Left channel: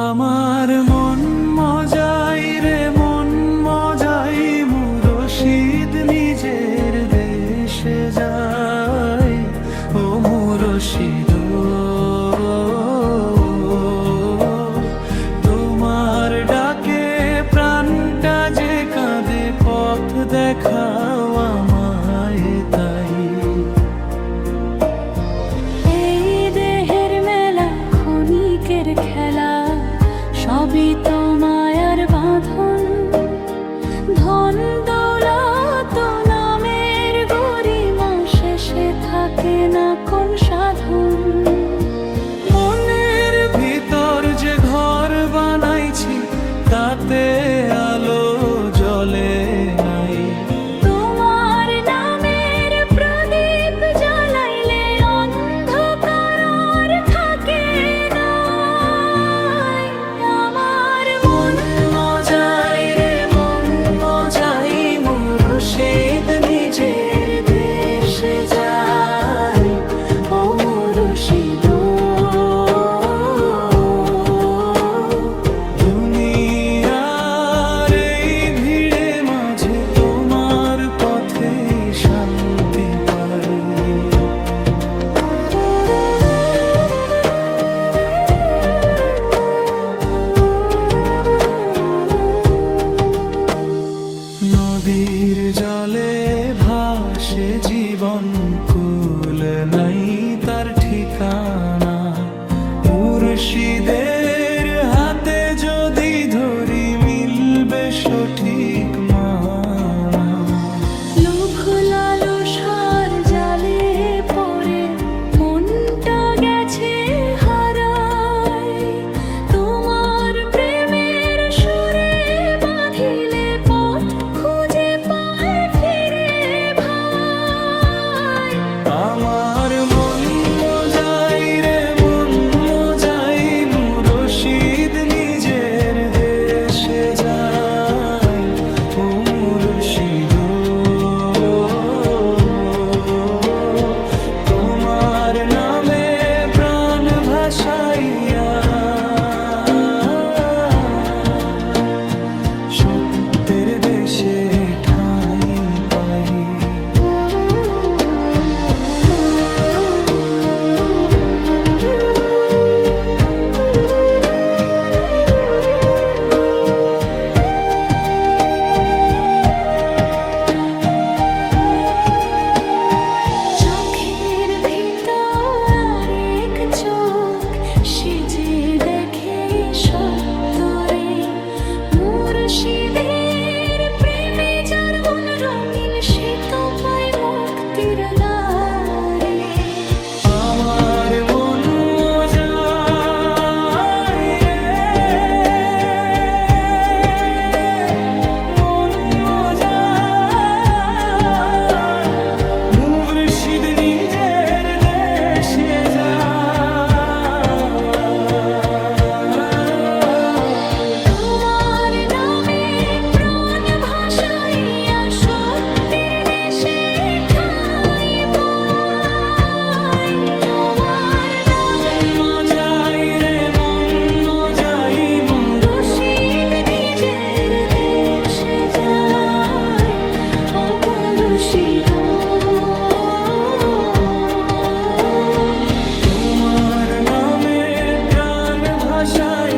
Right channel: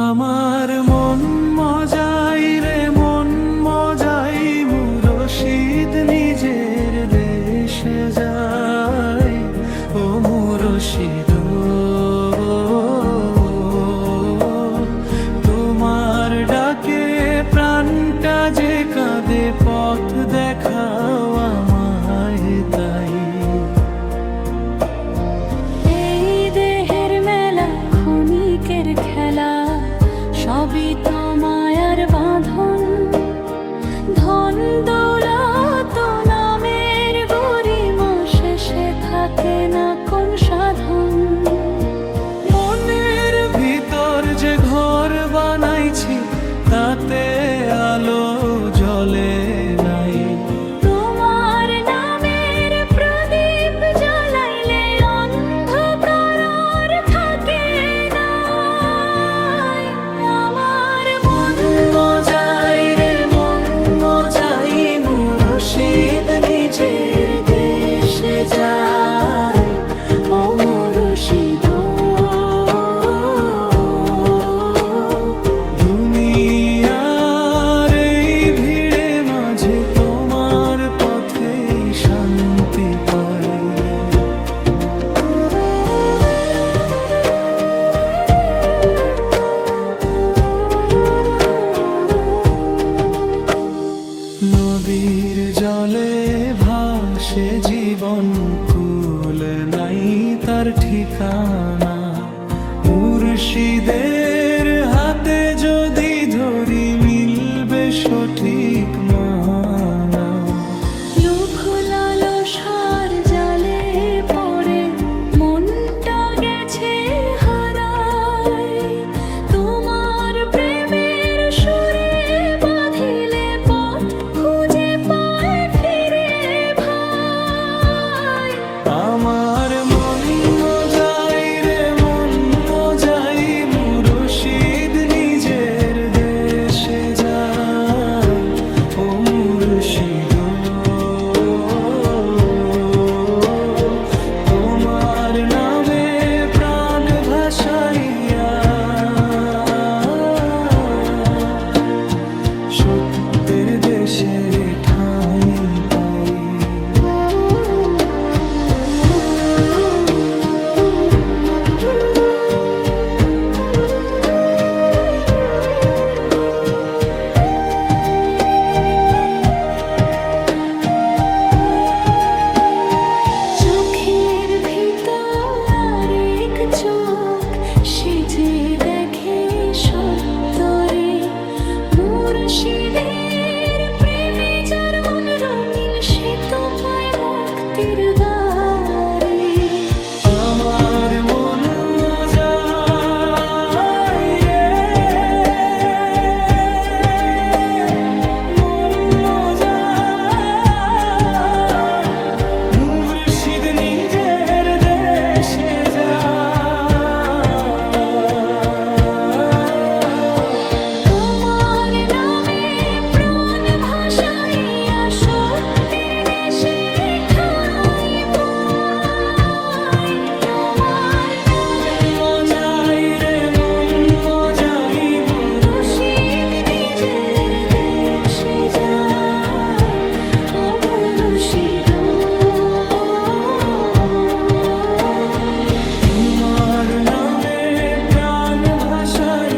আমার মন মজাই রে মন মজাই মুরশিদ নিজের দেশে যায়। ও মুরশিদ তোমার ডাকে প্রাণটা যে কাঁদে, পথ দেখাও আমায় তাই। এই দেহের মেলা ক্ষণিকের খেলা, সবই তো মায়ার বাঁধন। ধন দৌলত নামের গরিমা, শেষে থাকে না কোন সাধন। মনের ভিতর যে ঘর বানাইছি, তাতে আলো জ্বলে নাই। তোমার নামের প্রদীপ জ্বালাইলে অন্ধকার আর থাকে না। আমার মন মজাই রে মন মজাই মুরশিদ নিজের দেশে যায়। ও মুরশিদ দুনিয়ার এই ভিড়ে মাঝে তোমার পথে শান্তি পাই। নদীর জলে ভাসে জীবন, কুল নাই তার ঠিকানা। মুর্শিদের হাতে যদি ধরি, মিলবে সঠিক মানা। লোভ লালসার জালে পড়ে মনটা গেছে হারায়। তোমার প্রেমের সুরে বাঁধিলে পথ খুঁজে পায় ফিরে ভাই। আমার মন মজাই রে মন মজাই মুরশিদ নিজের দেশে যায়। ও মুরশিদ তোমার নামে প্রাণ ভাসাইয়া, সত্যের দেশে ঠাঁই পাই। চোখের ভিতর আরেক চোখ, সে যে দেখে সত্যরে। মুর্শিদের প্রেমে যার মন রঙিন, সে তো পায় মুক্তির দ্বারে। আমার মন মজাই রে মন মজাই মুর্শিদ নিজের দেশে যায়। তোমার নামে প্রাণ ভাসাইয়া, সত্যের দেশে ঠাঁই পাই। তোমার মন মজাই রে মন মজাই মুর্শিদ নিজের দেশে যায়। ও মুর্শিদ তোমার নামে প্রাণ ভাসাই।